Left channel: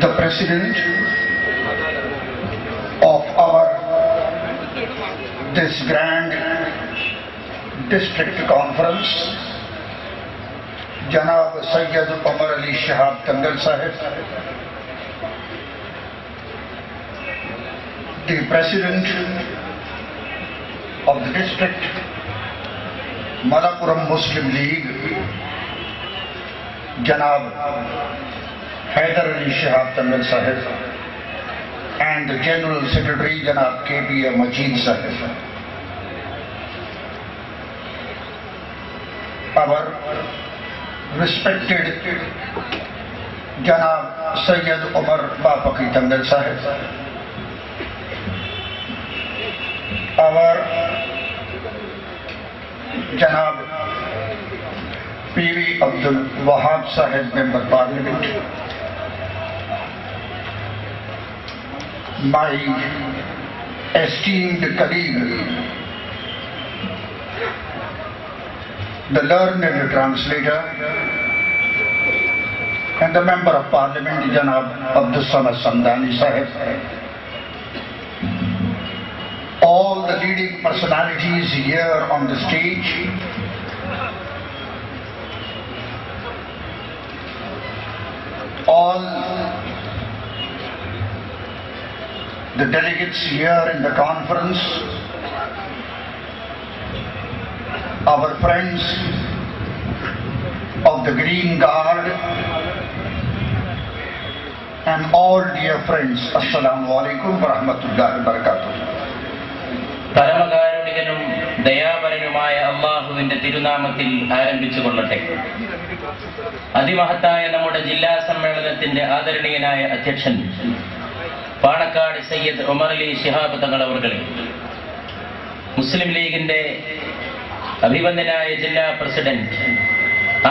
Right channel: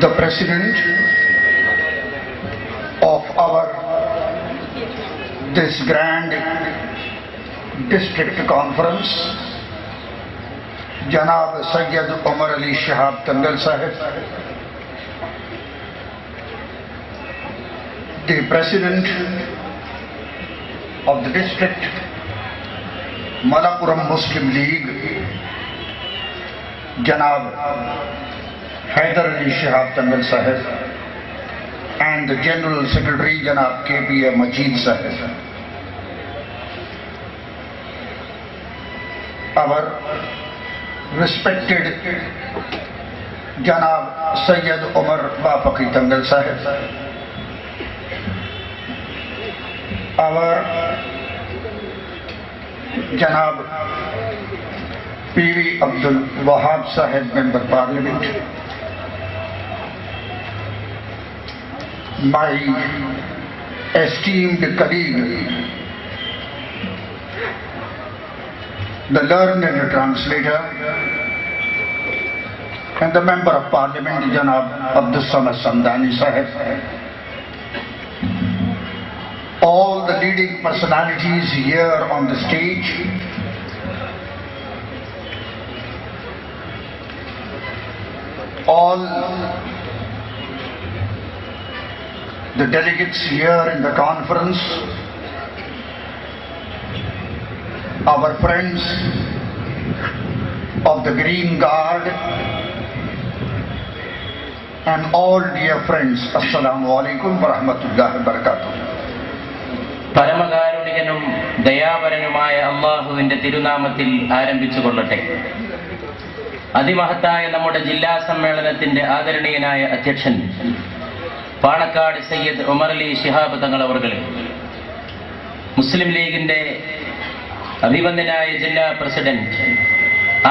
the President of this grand district conference, Janab Sayyid Umar Ali Shihab Tangal Sahib, the President of the district, Malappuram Muslim League, Janab Haidar Ali Shihab Tangal Sahib, and the General Secretary, Janab K.P.A. Majid Sahib. Our respected Janab Sayyid Umar Bapaki Tangal Sahib, our Janab P.V. Abdul Wahab Sahib, Member Parliament, my esteemed colleague, the learned translator, and the Member of Parliament, Janab Abdul Samad Samdani Sahib, all the leading personalities here on the stage, all the delegates here in the conference, our friends of the Green Guard, and all dear friends, Assalamu alaikum wa rahmatullahi wa barakatuh. പരമകാരുണികനും ദയാപരനുമായ അല്ലാഹുവിന്റെ തിരുനാമത്തിൽ ആരംഭിച്ചുകൊള്ളട്ടെ. അതിമഹത്തായ നമ്മുടെ ജില്ലാ സമ്മേളനത്തിന്റെ ആദരണീയനായ അധ്യക്ഷൻ പാണക്കാട് സയ്യിദ് ഉമർ അലി ശിഹാബ് തങ്ങൾ അവർകളെ, മുസ്ലിം ലീഗിന്റെ അഭിവന്ദനായ ജില്ലാ പ്രസിഡന്റ്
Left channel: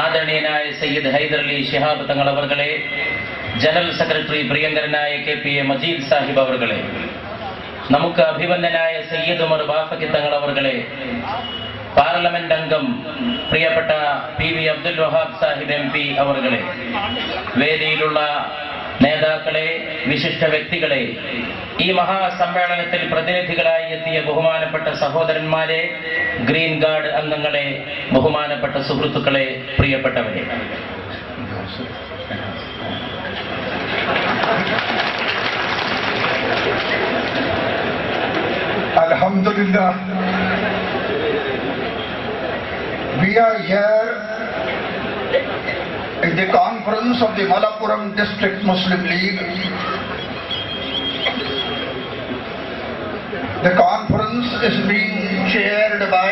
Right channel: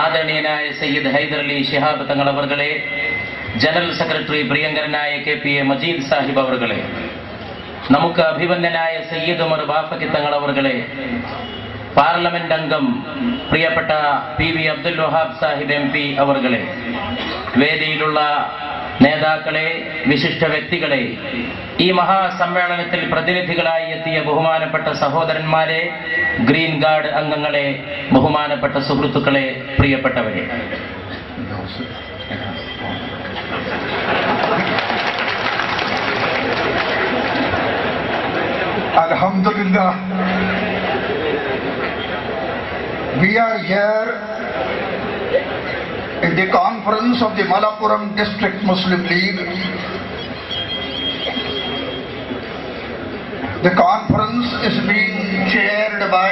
ആദരണീയനായ സയ്യിദ് ഹൈദർ അലി ശിഹാബ് തങ്ങൾ അവർകളെ, ജനറൽ സെക്രട്ടറി പ്രിയങ്കരനായ K.P.A. മജീദ് സാഹിബ് അവർകളെ, നമുക്ക് അഭിവന്ദനായ സയ്യിദ് ഉമർ ബാഫക്കി തങ്ങൾ അവർകളെ, പാർലമെന്റ് അംഗം പ്രിയപ്പെട്ട P.V. അബ്ദുൽ വഹാബ് സാഹിബ് MP അവർകളെ, വേദിയിലുള്ള നേതാക്കളെ, വിശിഷ്ട വ്യക്തികളെ, ഈ മഹാസമ്മേളനത്തിൽ പ്രതിനിധികളായി എത്തിയ ബഹുമാനപ്പെട്ട സഹോദരന്മാരെ, ഗ്രീൻ ഗാർഡ് അംഗങ്ങളെ, ബഹുമാനപ്പെട്ട സുഹൃത്തുക്കളെ, പ്രിയപ്പെട്ടവരെ, Alhamdulillah, we are here in the conference of the Malappuram District Muslim League. The conference is being chaired by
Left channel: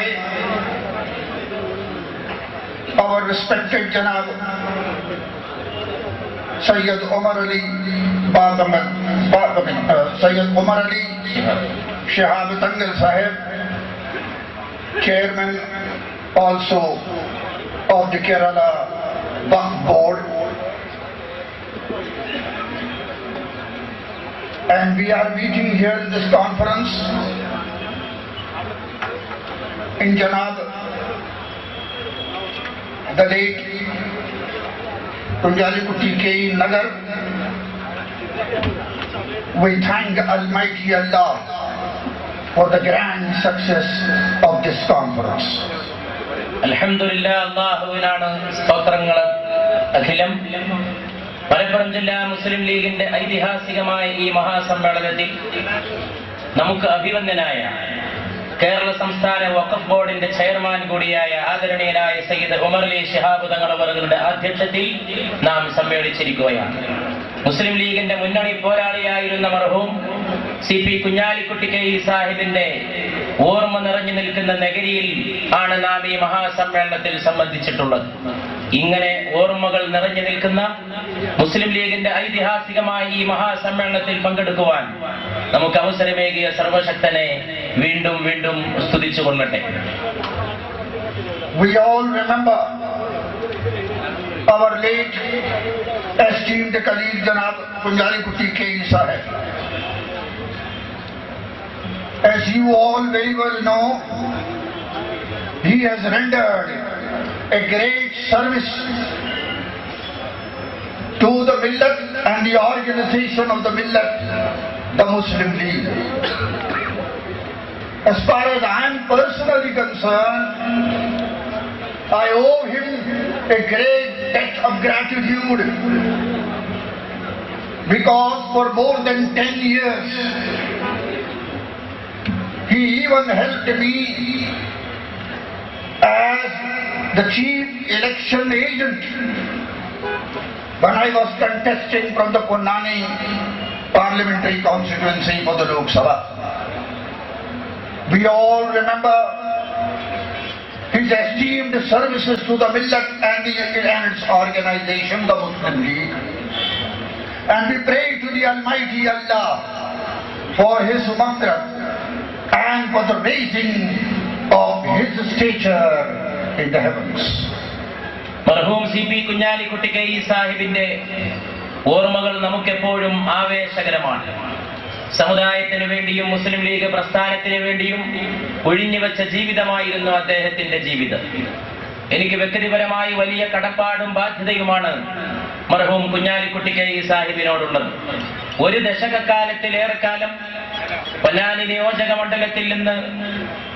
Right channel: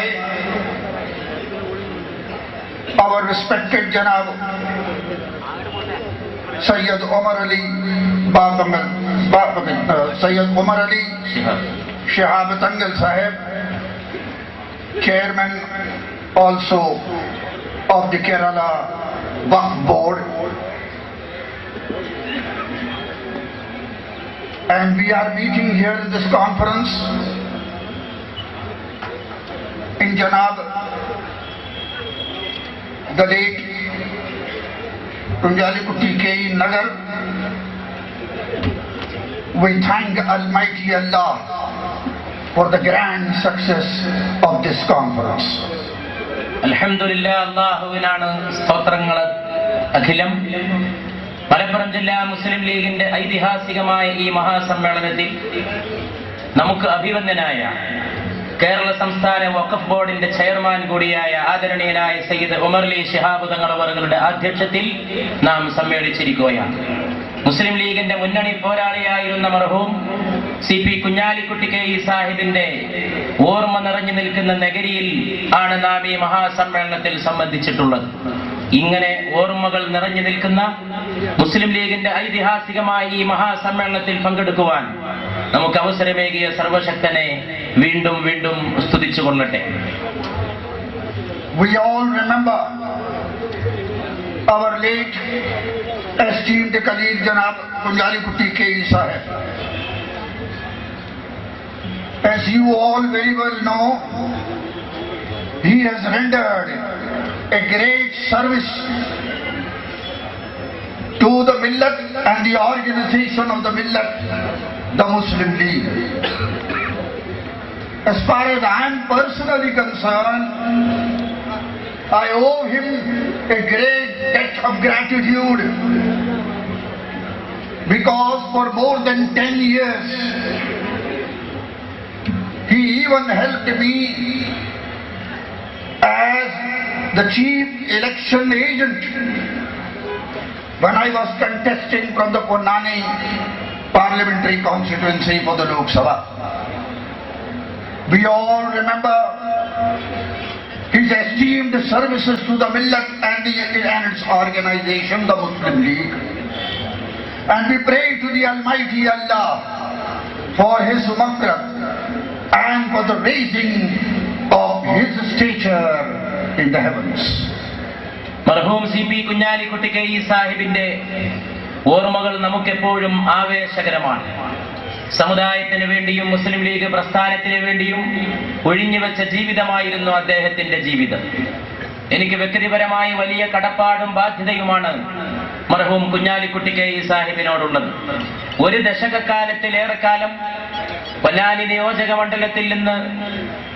our respected Janab Sayyid Umar Ali Sayyid Umar Ali Shihab Tangal Sahib, Chairman also of the Kerala Waqf Board, and we are meeting here in this conference in Janab the late Tunjalikutti K.E. Nagar. We thank Almighty Allah for the grand success of this conference. അൽഹംദുലില്ലാ, അല്ലാഹുവിനാണ് സ്തോത്രങ്ങൾ അഖിലം. മലപ്പുറം ജില്ലാ മുസ്ലിം ലീഗിന്റെ ഐതിഹാസികമായ ഈ മഹാസമ്മേളനത്തിൽ നമുക്ക് അഭിവന്ദനായ കേരള സംസ്ഥാന വഖഫ് ബോർഡിന്റെ ചെയർമാൻ കൂടിയായ ആദരണീയനായ സയ്യിദ് ഉമർ അലി ശിഹാബ് തങ്ങൾ അവരുടെ ആധ്യക്ഷത്തിൽ നാം സമ്മേളിച്ചിരിക്കുകയാണ്. മുസ്ലിം ലീഗിന്റെ മുന്നണി പോരാളിയായിരുന്ന മർഹൂം CP കുഞ്ഞാലിക്കുട്ടി K.E. സാഹിബിന്റെ ഓർമ്മ നിറഞ്ഞു നിൽക്കുന്ന നഗരിയിൽ ആണ് നാം ഈ മഹാസമ്മേളനത്തിൽ സംബന്ധിച്ചിട്ടുള്ളത്. ഇങ്ങനെ ഓർമ്മകൾ നിറഞ്ഞു നിൽക്കുന്ന മുസ്ലിം ലീഗിന്റെ ഐതിഹാസികമായ ഈ മഹാസമ്മേളനത്തിൽ പങ്കെടുക്കുവാൻ നമുക്ക് അവസരമേകിയ സർവശക്തനെ വീണ്ടും വീണ്ടും സ്തുതിച്ചുകൊള്ളട്ടെ. We all remember our late esteemed colleague Janab Kunjalikutti K.E. Sahib. As you all very well know, he has rendered a great service to the millet and the organization of the millet, the Muslim League. As far as I am personally concerned, I owe him a great debt of gratitude, because for more than 10 years he even helped me as the chief election agent when I was contesting from the Ponnani parliamentary constituency for the Lok Sabha. We all remember his esteemed services to the millet and its organization, the Muslim League. And we pray to the Almighty Allah for his maghfirat and for the raising of his stature in the heavens. മർഹൂം CP കുഞ്ഞാലിക്കുട്ടിക്കൈ സാഹിബിന്റെ ഓർമ്മകൾ നമുക്കെപ്പോഴും ആവേശകരമാണ്. സമുദായത്തിന് വേണ്ടിയും മുസ്ലിം ലീഗ് പ്രസ്ഥാനത്തിന് വേണ്ടിയും ഒഴിഞ്ഞുവെച്ച ജീവിതമായിരുന്നു അദ്ദേഹത്തിന്റെ ജീവിതം. എനിക്ക് വ്യക്തിപരമായി വലിയ കടപ്പാടും ബാധ്യതയുമാണ് മർഹൂം കുഞ്ഞാലിക്കുട്ടിക്കൈ സാഹിബിനോടുള്ളത്. ഒരു ദശകക്കാലത്തിലേറെക്കാലം പൊന്നാനി നിയോജക മണ്ഡലത്തിൽ നിന്ന്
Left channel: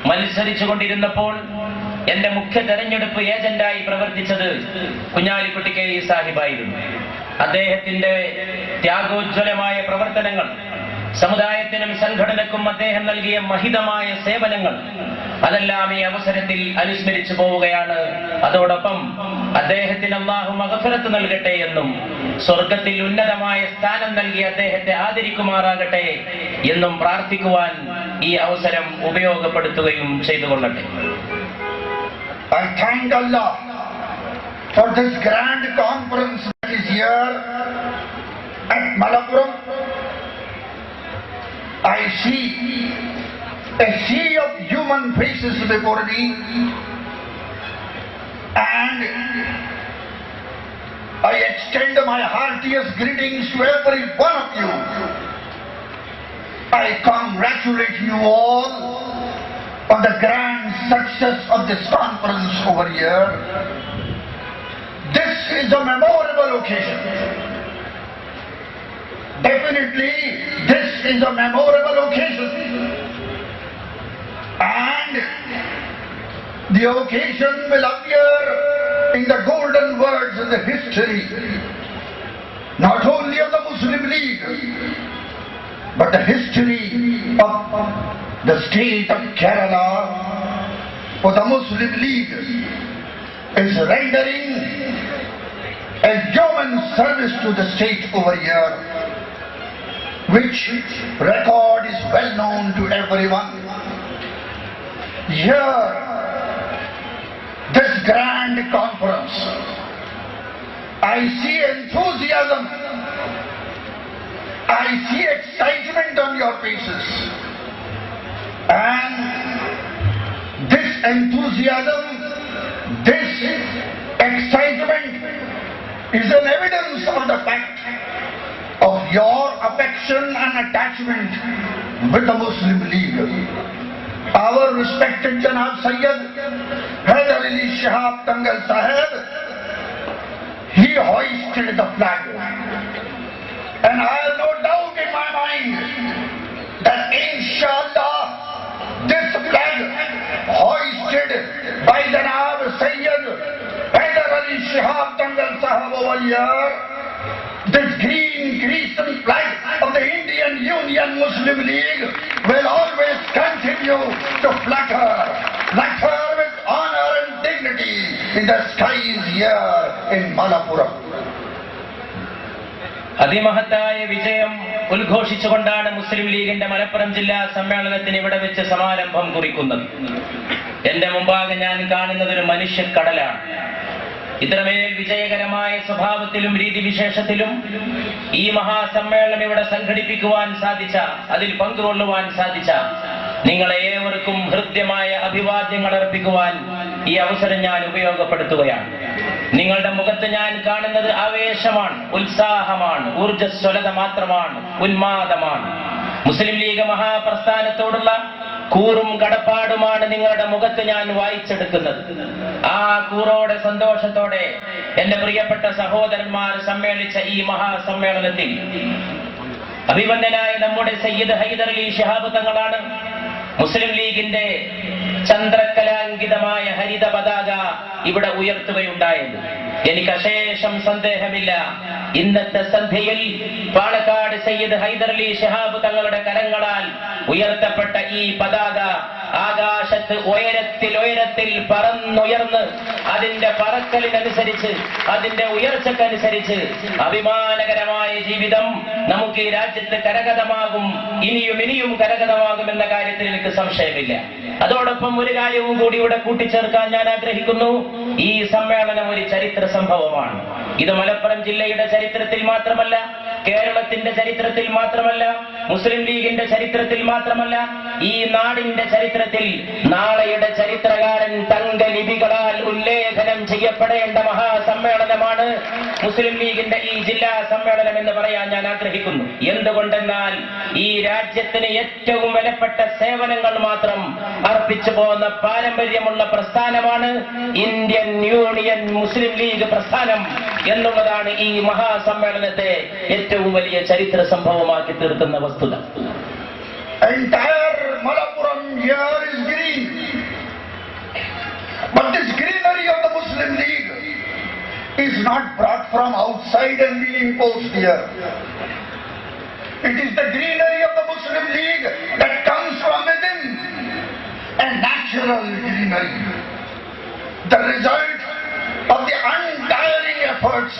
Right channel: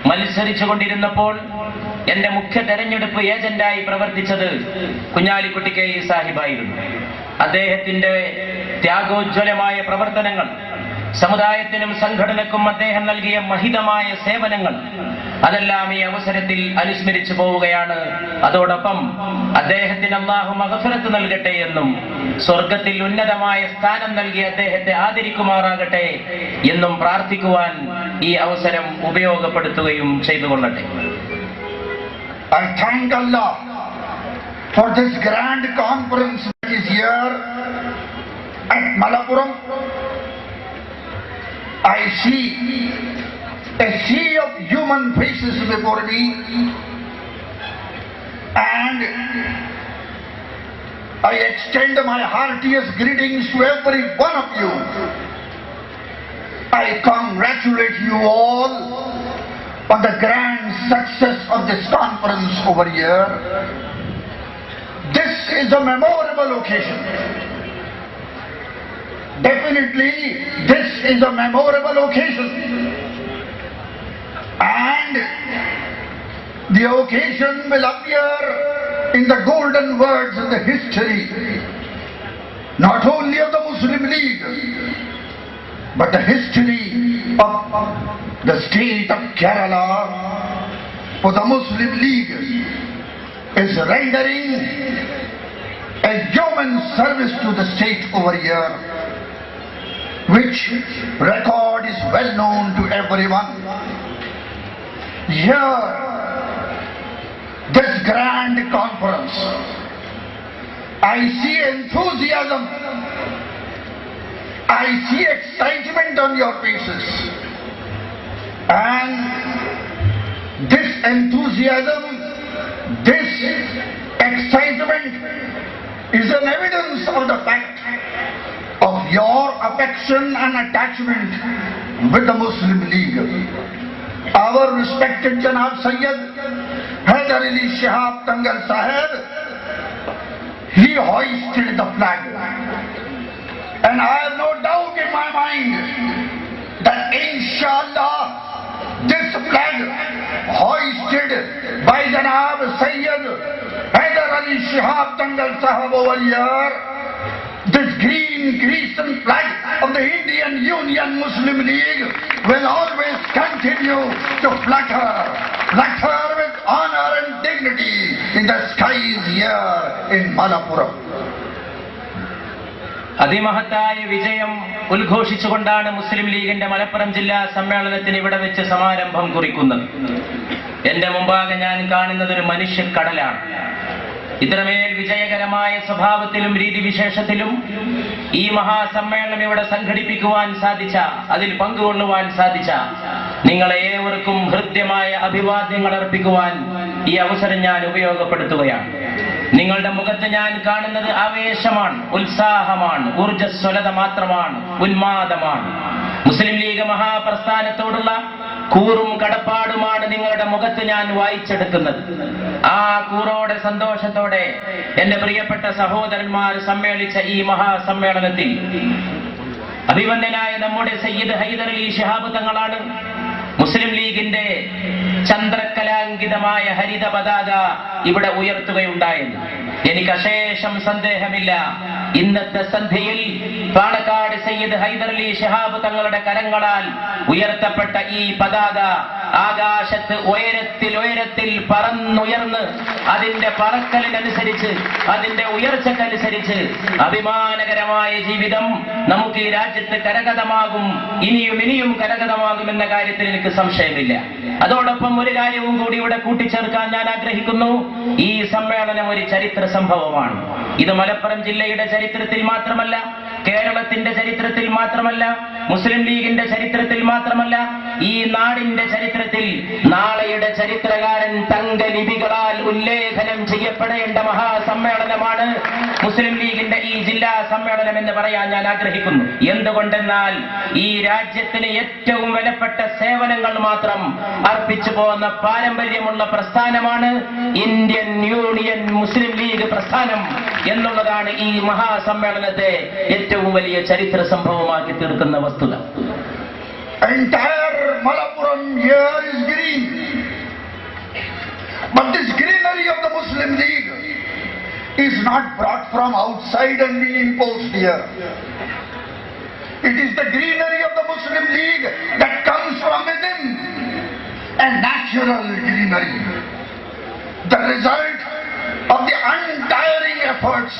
മത്സരിച്ചു കൊണ്ടിരുന്നപ്പോൾ എന്റെ മുഖ്യ തെരഞ്ഞെടുപ്പ് ഏജന്റായി പ്രവർത്തിച്ചത് കുഞ്ഞാലിക്കുട്ടിക്കൈ സാഹിബായിരുന്നു. അദ്ദേഹത്തിന്റെ ത്യാഗോജ്വലമായ പ്രവർത്തനങ്ങൾ, സമുദായത്തിനും സംഘടനക്കും അദ്ദേഹം നൽകിയ മഹിതമായ സേവനങ്ങൾ, അതെല്ലാം ഈ അവസരത്തിൽ അനുസ്മരിച്ചു പോവുകയാണ്. അതോടൊപ്പം അദ്ദേഹത്തിന് അല്ലാഹു മഗ്ഫിറത്ത് നൽകട്ടെ എന്നും സ്വർഗത്തിൽ ഉന്നതമായ സ്ഥാനം നൽകി അദ്ദേഹത്തെ ആദരിക്കുമാറാകട്ടെ എന്നും പ്രാർത്ഥിക്കുവാൻ ഈ അവസരം ഉപയോഗപ്പെടുത്തുകയും ചെയ്തുകൊള്ളട്ടെ. I thank Allah for this grand conference that is here at Malappuram. I see a sea of human faces before me, and I extend my heartiest greetings to every one of you. I congratulate you all on the grand success of this conference over here. This is a memorable occasion. Definitely, this is a memorable occasion. And the occasion will appear in the golden words in the history, not only of the Muslim League, but the history of the state of Kerala. For the Muslim League is rendering a yeoman service to the state over here, which record is well known to everyone. Here, this grand conference, I see enthusiasm, I see excitement on your faces, and this enthusiasm, this excitement is an evidence of the fact of your affection and attachment with the Muslim League. Our respected Janab Sayyid Haider Ali Shihab Tangal Sahib, he hoisted the flag, and I have no doubt in my mind that inshallah this flag hoisted by Janab Sayyid Haider Ali Shihab Tangal Sahib over here, this green crescent flag of the Indian Union Muslim League will always continue to flutter with honor and dignity in the skies here in Malappuram. അതിമഹത്തായ വിജയം ഉദ്ഘോഷിച്ചുകൊണ്ടാണ് മുസ്ലിം ലീഗിന്റെ മലപ്പുറം ജില്ലാ സമ്മേളനത്തിന് ഇവിടെ വെച്ച് സമാരംഭം കുറിക്കുന്നത്. എന്റെ മുമ്പാകെ ഞാൻ കാണുന്നത് ഒരു മനുഷ്യക്കടലാണ്. ഇത്രമേൽ വിജയകരമായ സ്വഭാവത്തിലും രീതിവിശേഷത്തിലും ഈ മഹാസമ്മേളനം ഇവിടെ സംഘടിപ്പിക്കുവാൻ സാധിച്ച, അതിൽ പങ്കുകൊള്ളുവാൻ സാധിച്ച നിങ്ങളെ ഏവർക്കും ഹൃദ്യമായ അഭിവാദ്യങ്ങൾ അർപ്പിക്കുവാൻ ഈ അവസരം ഞാൻ ഉപയോഗപ്പെടുത്തുകയാണ്. നിങ്ങളുടെ മുഖത്ത് ഞാൻ കാണുന്നത് ആവേശമാണ്, ഉത്സാഹമാണ്, ഊർജ്ജസ്വലത മാത്രമാണ്, ഉന്മാദമാണ്. മുസ്ലിം ലീഗ് മഹാപ്രസ്ഥാനത്തോടുള്ള കൂറും കടപ്പാടുമാണ് നിങ്ങളുടെ മുഖത്ത് ഞാൻ വായിച്ചെടുക്കുന്നത്. ആ കൂറോടെ സന്തോഷത്തോടെ എന്റെ പ്രിയപ്പെട്ട സഹോദരന്മാർ സമ്മേളിച്ച ഈ മഹാസമ്മേളനത്തിൽ അഭിവന്ദനായ നമ്മുടെ സയ്യിദ് ഹൈദരലി ശിഹാബ് തങ്ങളാണ് മുസ്ലിം ലീഗിന്റെ ചന്ദ്രകലാങ്കിതമായ ഹരിത പതാക ഇവിടെ ഉയർത്തുകയുണ്ടായത്. എനിക്ക് അശേഷം സന്ദേഹമില്ല, ഇന്നത്തെ സന്ധ്യയിൽ പാണക്കാട് സയ്യിദ് ഹൈദരലി ശിഹാബ് തങ്ങളുടെ കരങ്ങളാൽ ഉയർത്തപ്പെട്ട ഈ പതാക ആകാശത്ത് ഉയരത്തിൽ പറന്നുയർന്ന് അതിന്റെ പറക്കലിനനുസരിച്ച് അതിന്റെ ഉയർച്ചക്കനുസരിച്ച് അഭിമാനകരമായ ജീവിതം നമുക്ക് ഈ രാജ്യത്ത് കരഗതമാകും, ഇനിയും കരഗതമാകുമെന്ന കാര്യത്തിൽ എനിക്ക് സംശയമില്ല. അതോടൊപ്പം ഒരു കാര്യവും കൂടി ഇവിടെ കൂട്ടിച്ചേർക്കാൻ ഞാൻ ആഗ്രഹിക്കുന്നു. ഈ സമ്മേളനം ഒരു ചരിത്ര സംഭവമാണ്. ഇത് മലപ്പുറം ജില്ലയുടെ ചരിത്രത്തിൽ മാത്രമല്ല, കേരളത്തിന്റെ ചരിത്രത്തിൽ മാത്രമല്ല, മുസ്ലിം ലീഗിന്റെ ചരിത്രത്തിൽ മാത്രമല്ല, ഈ നാടിന്റെ ചരിത്രത്തിൽ നാളെയുടെ ചരിത്രകാരൻ തങ്കലിപികളാൽ ഉല്ലേഖനം ചെയ്യപ്പെടേണ്ട മഹാസമ്മേളനമാണ് മുസ്ലിം ലീഗിന്റെ ഈ ജില്ലാ സമ്മേളനം എന്ന് പറയാൻ ഞാൻ ആഗ്രഹിക്കുന്നു. എന്തുകൊണ്ടെന്നാൽ ഈ രാജ്യത്തിന് ഏറ്റവും വിലപ്പെട്ട സേവനങ്ങൾ മാത്രം അർപ്പിച്ചു പോകുന്ന പാരമ്പര്യമുള്ള പ്രസ്ഥാനമാണ് ഇന്ത്യൻ യൂണിയൻ മുസ്ലിം ലീഗ് പ്രസ്ഥാനം എന്നുള്ളതാണ് ഈ മഹാസമ്മേളനത്തെ ഏറ്റവും വലിയ ചരിത്ര സംഭവമാക്കി തീർക്കുന്ന വസ്തുത. Entire Malappuram here is green, but this greenery of the Muslim League is not brought from outside and being imposed here. It is the greenery of the Muslim League that comes from within, a natural greenery, the result of the untiring efforts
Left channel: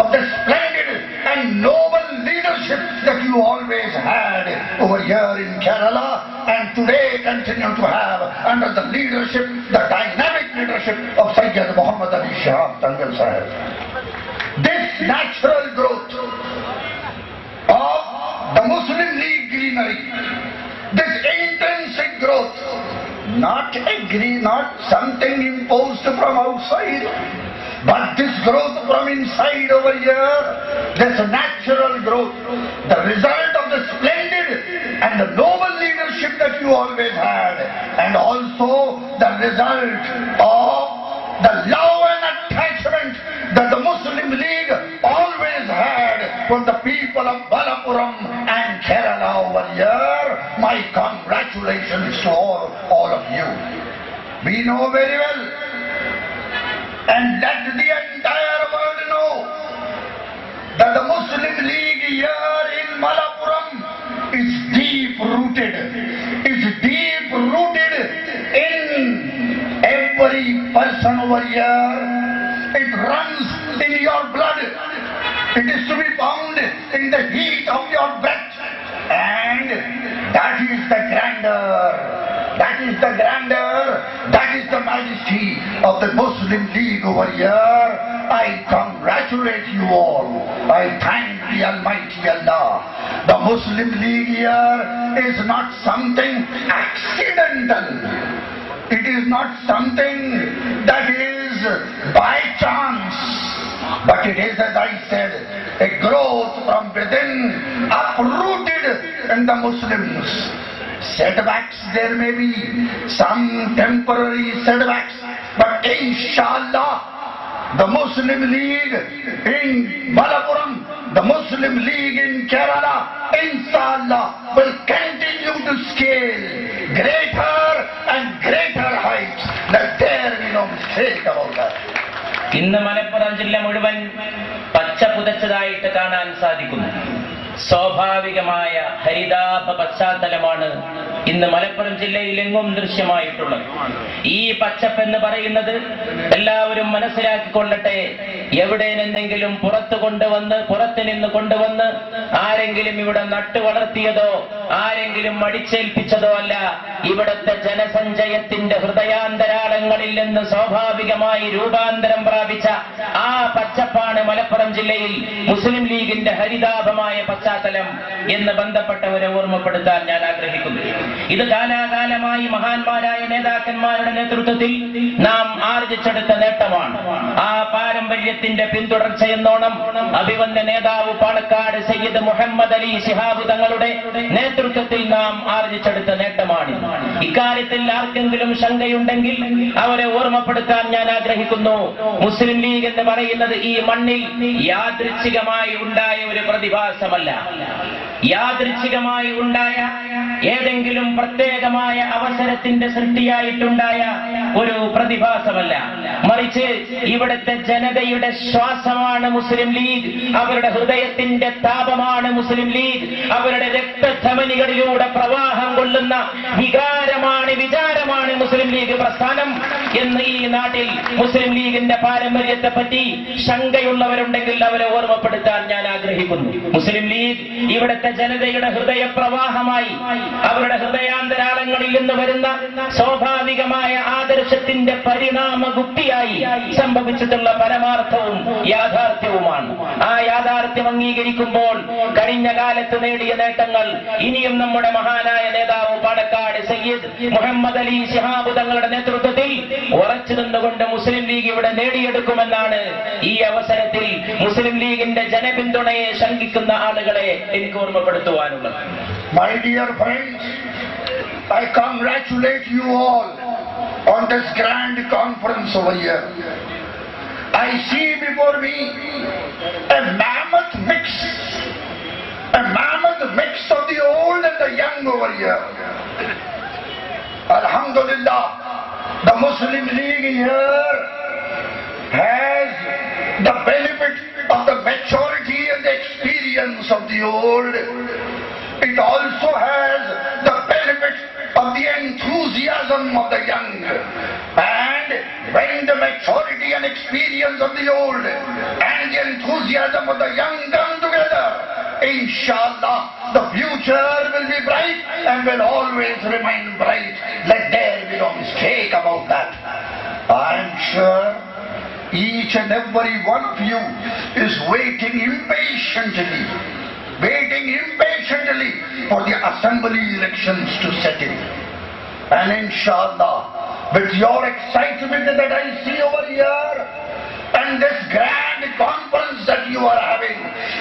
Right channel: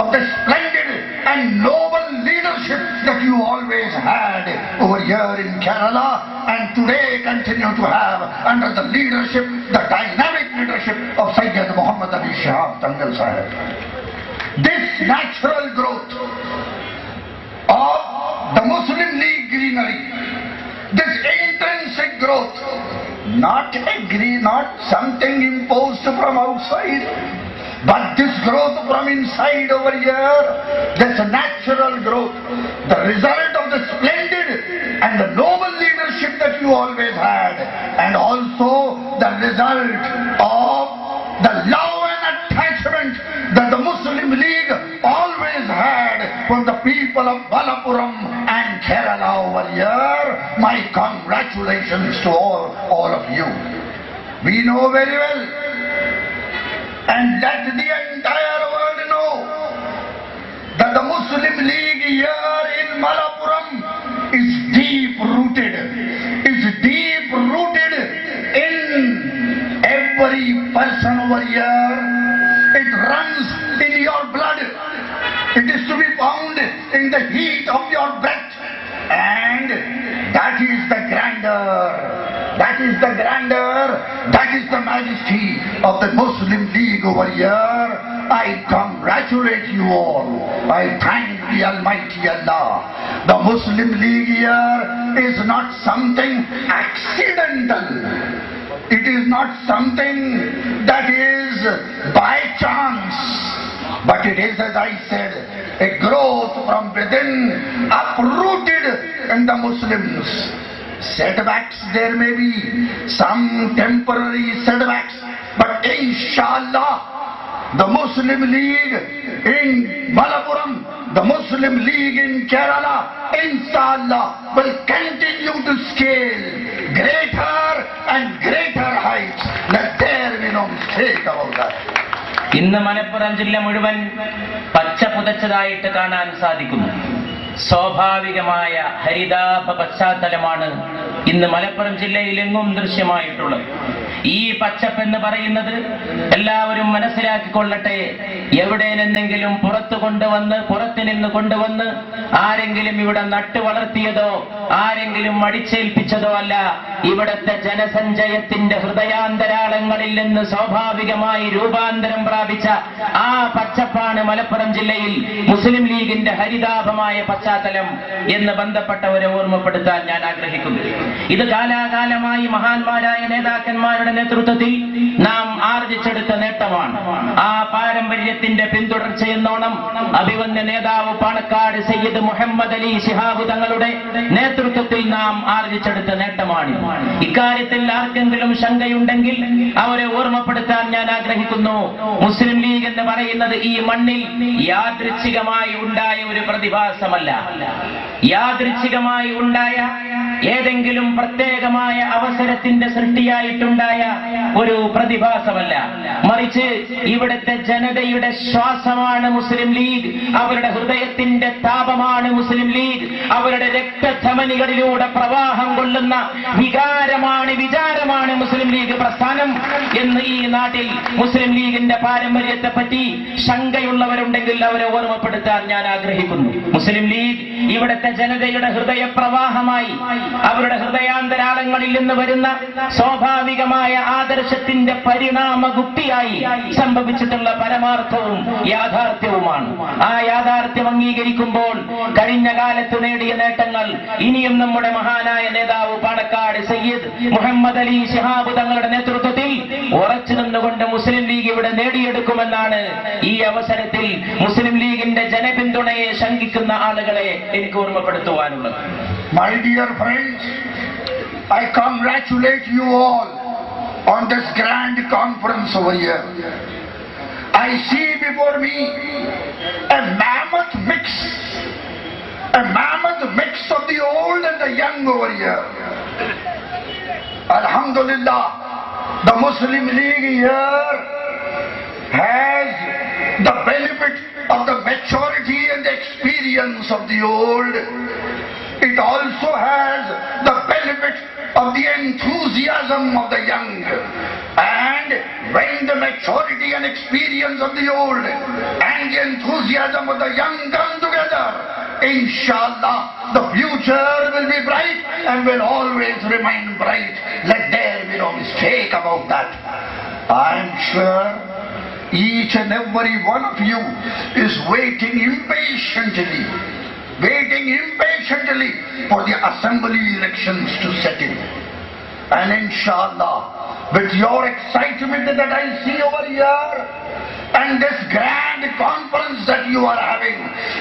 of the splendid and noble leadership that you always had over here in Kerala and today continue to have under the leadership, the dynamic leadership of Sayyid Muhammad Ali Shihab Tangal Sahib. This natural growth of the Muslim League greenery, this intrinsic growth, not something imposed from outside, but this growth from inside over here, this natural growth, the result of the splendid and the noble leadership that you always had, and also the result of the love and attachment that the Muslim League always had for the people of Malappuram and Kerala over here. My congratulations to all of you. We know very well, and let the entire world know, that the Muslim League here in Malappuram is deep rooted in every person over here. It runs in your blood. It is to be found in the heat of your breath, and that is the grandeur, that is the majesty of the Muslim League over here. I congratulate you all. I thank the Almighty Allah. The Muslim League here is not something accidental. It is not something that is by chance, but it is, as I said, a growth from within, uprooted in the Muslims. Setbacks, there may be some temporary setbacks, but inshallah, the Muslim League in Malappuram, the Muslim League in Kerala, inshallah, will continue to scale greater and greater heights. Let there be no mistake about that. ഇന്ന് മലപ്പുറം ജില്ല മുഴുവൻ പച്ച പുതച്ചതായിട്ട് കാണാൻ സാധിക്കുന്നു. സ്വാഭാവികമായ ഹരിതാഭ പശ്ചാത്തലമാണ് ഇന്ന് മലപ്പുറം ജില്ലയിൽ എങ്ങും ദൃശ്യമായിട്ടുള്ളത്. ഈ പച്ചപ്പെന്ന് പറയുന്നത് എല്ലാവരും മനസ്സിലാക്കിക്കൊള്ളട്ടെ, എവിടെ നിന്നെങ്കിലും പുറത്തു നിന്ന് കൊണ്ടുവന്ന് ആരെങ്കിലും ഇവിടെ നട്ടു വളർത്തിയതോ ആരെങ്കിലും അടിച്ചേൽപ്പിച്ചതോ അല്ല. ഇവിടത്തെ ജനസഞ്ചയത്തിന്റെ ഹൃദയാന്തരാളങ്ങളിൽ നിന്ന് സ്വാഭാവികമായി രൂപാന്തരം പ്രാപിച്ച ആ പച്ചപ്പാണ് മലപ്പുറം ജില്ലയിൽ മുസ്ലിം ലീഗിന്റെ ഹരിതാഭമായ പശ്ചാത്തലം എന്ന് ബന്ധപ്പെട്ടവരെ ഓർമ്മപ്പെടുത്താൻ ഞാൻ ആഗ്രഹിക്കുന്നു. ഇത് കാലാകാലമായി മഹാന്മാരായ നേതാക്കന്മാരുടെ നേതൃത്വത്തിൽ നാം ആർജിച്ചെടുത്ത നേട്ടമാണ്. ആ പാരമ്പര്യത്തിന്റെ പിന്തുടർച്ചയെന്നോണം അഭിവന്യ നേതാവ് പാണക്കാട് സയ്യിദ് മുഹമ്മദ് അലി ശിഹാബ് തങ്ങളുടെ നേതൃത്വത്തിൽ നാം ആർജിച്ചെടുത്ത നേട്ടമാണ്. ഇക്കാര്യത്തിൽ ആർക്കെങ്കിലും ശങ്കയുണ്ടെങ്കിൽ അവരെ ഓർമ്മപ്പെടുത്താൻ ഞാൻ ആഗ്രഹിക്കുന്നു. മുസ്ലിം ലീഗ് എന്ന് പറയുന്നത് ഈ മണ്ണിൽ യാദൃച്ഛികമായി ഉണ്ടായ ഒരു പ്രതിഭാസമല്ല. യാദൃച്ഛികമായി ഉണ്ടായ ഏതെങ്കിലും പ്രത്യേകമായ അവസരത്തിന്റെ സൃഷ്ടിയായിട്ടുണ്ടായ ഒരു പ്രതിഭാസമല്ല. മറിച്ച് ഇവിടുത്തെ ജനതയുടെ ശ്വാസമാണ് മുസ്ലിം ലീഗ്. അവരുടെ ഹൃദയത്തിന്റെ താപമാണ് മുസ്ലിം ലീഗ്. അവരുടെ രക്തധമനികളിലൂടെ പ്രവാഹം കൊള്ളുന്ന വിചാരമാണ് മുസ്ലിം ലീഗ് പ്രസ്ഥാനം എന്ന് ഈ നാട്ടിൽ മുസ്ലിം ലീഗിന്റെ പാരമ്പര്യത്തെ പറ്റി ശങ്കയുള്ളവരുണ്ടെങ്കിൽ അവരെ ഓർമ്മപ്പെടുത്താൻ ഞാൻ ആഗ്രഹിക്കുന്നു. മുസ്ലിം ലീഗ് ഇവിടുത്തെ ജനതയുടെ ഹൃദയപ്രവാഹമായി അവരുടെ ഹൃദയാന്തരാളങ്ങളിൽ നിന്ന് വരുന്ന സ്വാഭാവികമായ ആദർശത്തിന്റെ പരിണാമഗുപ്തിയായി സംഭവിച്ചിട്ടുള്ള പരമാർത്ഥവും യാഥാർത്ഥ്യവുമാണ്. ആ യാഥാർത്ഥ്യം അംഗീകരിക്കുമ്പോൾ കഴിഞ്ഞ കാലത്ത് നേടിയ നേട്ടങ്ങൾ ഇനിയും നമ്മുടെ മഹാനായ നേതാവ് പാണക്കാട് സയ്യിദ് മുഹമ്മദ് അലി ശിഹാബ് തങ്ങളുടെ നേതൃത്വത്തിൽ ഉറച്ചു നിന്നുകൊണ്ട് മുസ്ലിം ലീഗ് ഇവിടെ നേടിയെടുക്കുമെന്നാണ് ഈ അവസരത്തിൽ മുസ്ലിം ലീഗിന്റെ ജനപിന്തുണയെ ശങ്കിക്കുന്ന ആളുകളെ എനിക്ക് ഓർമ്മപ്പെടുത്തുവാനുള്ളത്. My dear friends, I congratulate you all on this grand conference over here. I see before me a mammoth mix of the old and the young over here. Alhamdulillah, the Muslim League here has the benefit of the maturity and the experience of the old. It also has the benefit of the enthusiasm of the young. And when the maturity and experience of the old and the enthusiasm of the young come together, inshallah, the future will be bright and will always remain bright. Let there be no mistake about that. I am sure each and every one of you is waiting impatiently for the assembly elections to set in. And inshallah, with your excitement that I see over here, and this grand conference that you are having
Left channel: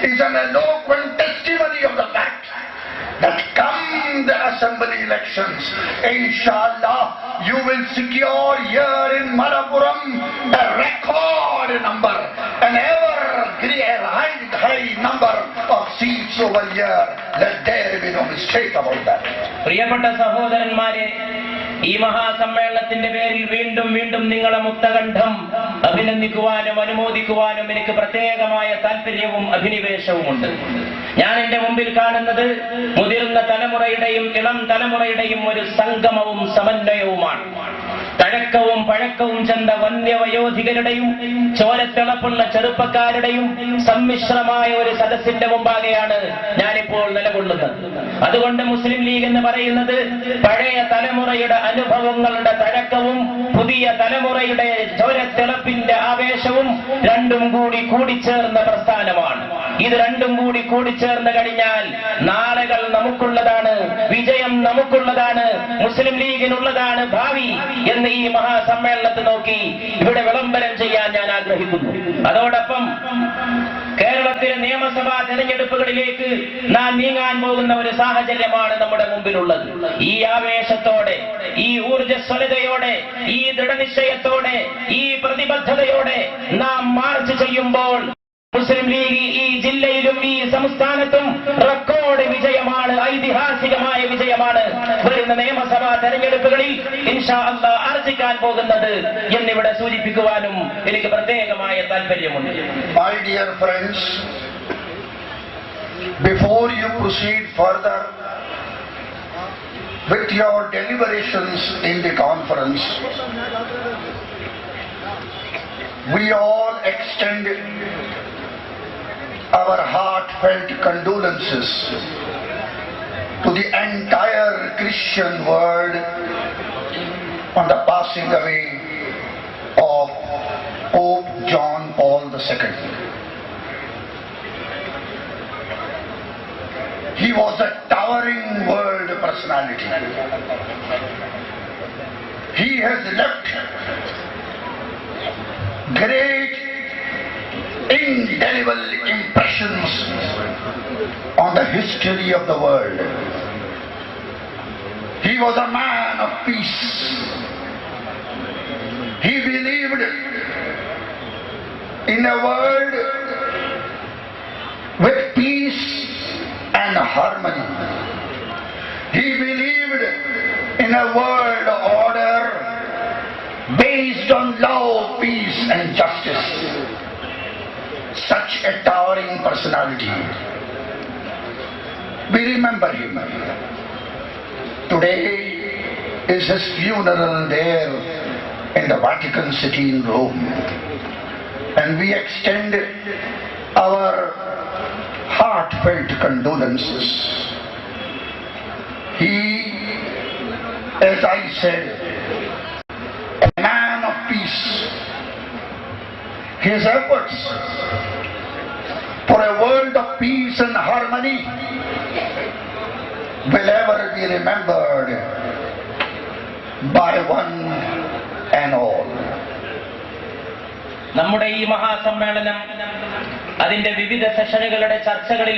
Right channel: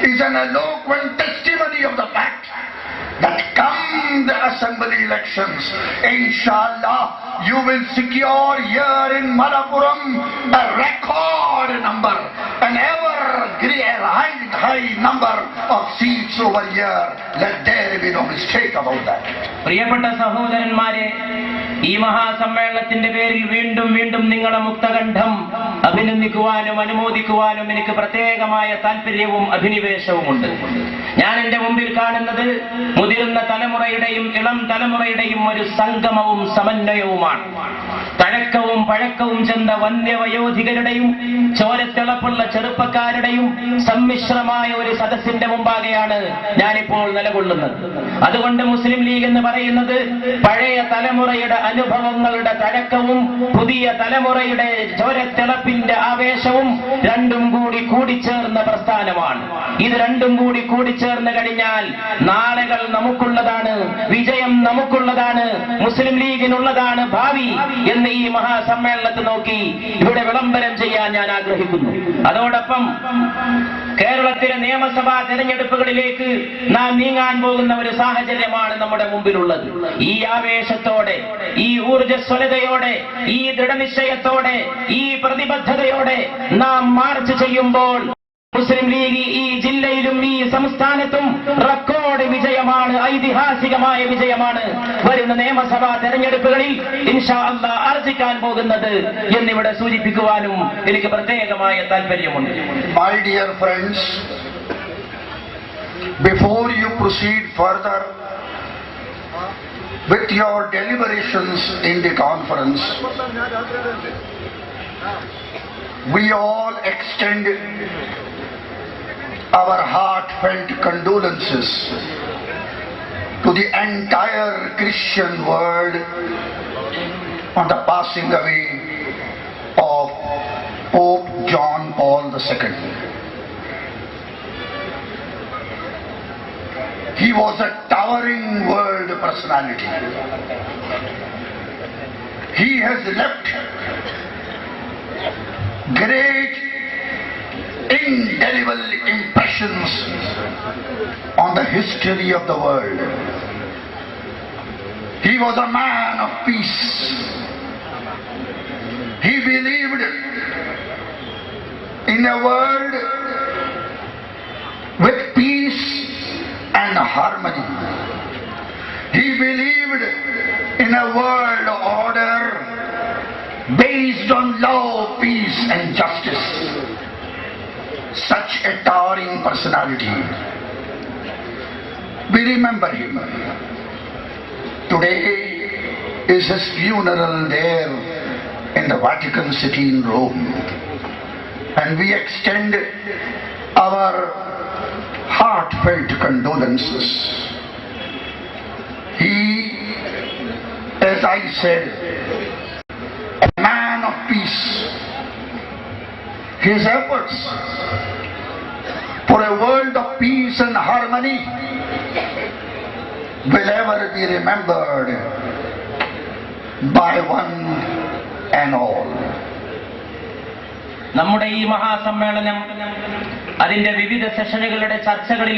is an eloquent testimony of the fact that come the assembly elections, inshallah, you will secure here in Malappuram a record number, an ever high number of seats over here. Let there be no mistake about that. പ്രിയപ്പെട്ട സഹോദരന്മാരെ, ഈ മഹാസമ്മേളനത്തിന്റെ പേരിൽ വീണ്ടും വീണ്ടും നിങ്ങളെ മുക്തകണ്ഠം അഭിനന്ദിക്കുവാനും അനുമോദിക്കുവാനും എനിക്ക് പ്രത്യേകമായ താല്പര്യവും അഭിനിവേശവുമുണ്ട്. ഞാൻ എന്റെ മുമ്പിൽ കാണുന്നത് മുതിർന്ന തലമുറയുടെയും ഇളം തലമുറയുടെയും ഒരു സംഗമവും സമന്വയവുമാണ്. തഴക്കവും പഴക്കവും ചെന്ന വന്യവയോധികരുടെയും ചോരത്തിളപ്പുള്ള ചെറുപ്പക്കാരുടെയും സമ്മിശ്രമായ ഒരു സദസ്സിന്റെ മുമ്പാകെയാണ് ഞാനിപ്പോൾ നിലകൊള്ളുന്നത്. അതുകൊണ്ട് മുസ്ലിം ലീഗ് എന്ന് പറയുന്നത് പഴയ തലമുറയുടെ അനുഭവങ്ങളുടെ തഴക്കവും പുതിയ തലമുറയുടെ ചോരത്തിളപ്പിന്റെ ആവേശവും രണ്ടും കൂടി കൂടിച്ചേർന്ന പ്രസ്ഥാനമാണ്. ഇത് രണ്ടും കൂടി കൂടിച്ചേർന്ന് കഴിഞ്ഞാൽ നാളുകൾ നമുക്കുള്ളതാണ്, വിജയം നമുക്കുള്ളതാണ്, മുസ്ലിം ലീഗിനുള്ളതാണ് ഭാവി എന്ന് ഈ മഹാസമ്മേളനത്തെ നോക്കി ഇവിടെ വിളംബരം ചെയ്യാൻ ഞാൻ ആഗ്രഹിക്കുന്നു. അതോടൊപ്പം കേരളത്തിലെ നിയമസഭാ തെരഞ്ഞെടുപ്പുകളിലേക്ക് നാം നീങ്ങാൻ പോകുന്ന ഒരു സാഹചര്യമാണ് നമ്മുടെ മുമ്പിലുള്ളത്. ഈ ആവേശത്തോടെ, ഈ ഊർജ്ജസ്വലതയോടെ, ഈ ദൃഢനിശ്ചയത്തോടെ, ഈ പ്രതിബദ്ധതയോടെ നാം മാർച്ച് ചെയ്യുമ്പോൾ മുസ്ലിം ലീഗ് ഈ ജില്ലയിലും ഈ സംസ്ഥാനത്തും റെക്കോർഡ് വിജയമാണ്, ഐതിഹാസികമായ വിജയമാണ് വരുന്ന നിയമസഭാ തെരഞ്ഞെടുപ്പുകളിൽ ഇൻഷാ അല്ലാഹ് ആർജിക്കാൻ പോകുന്നത് എന്നിവിടെ സൂചിപ്പിക്കുവാനും എനിക്ക് പ്രത്യേകമായ താല്പര്യമുണ്ട്. My dear friends, before you proceed further with your deliberations in the conference, we all extend our heartfelt condolences to the entire Christian world on the passing away of Pope John Paul II. He was a towering world personality. He has left great indelible impressions on the history of the world. He was a man of peace. He believed in a world with peace and harmony. He believed in a world order based on love, peace and justice. Such a towering personality. We remember him. Today is his funeral there in the Vatican City in Rome. And we extend our heartfelt condolences. He, as I said, a man of peace. His efforts for a world of peace and harmony will ever be remembered by one and all. നമ്മുടെ ഈ മഹാസമ്മേളനം അതിന്റെ വിവിധ സെഷനുകളുടെ ചർച്ചകളിൽ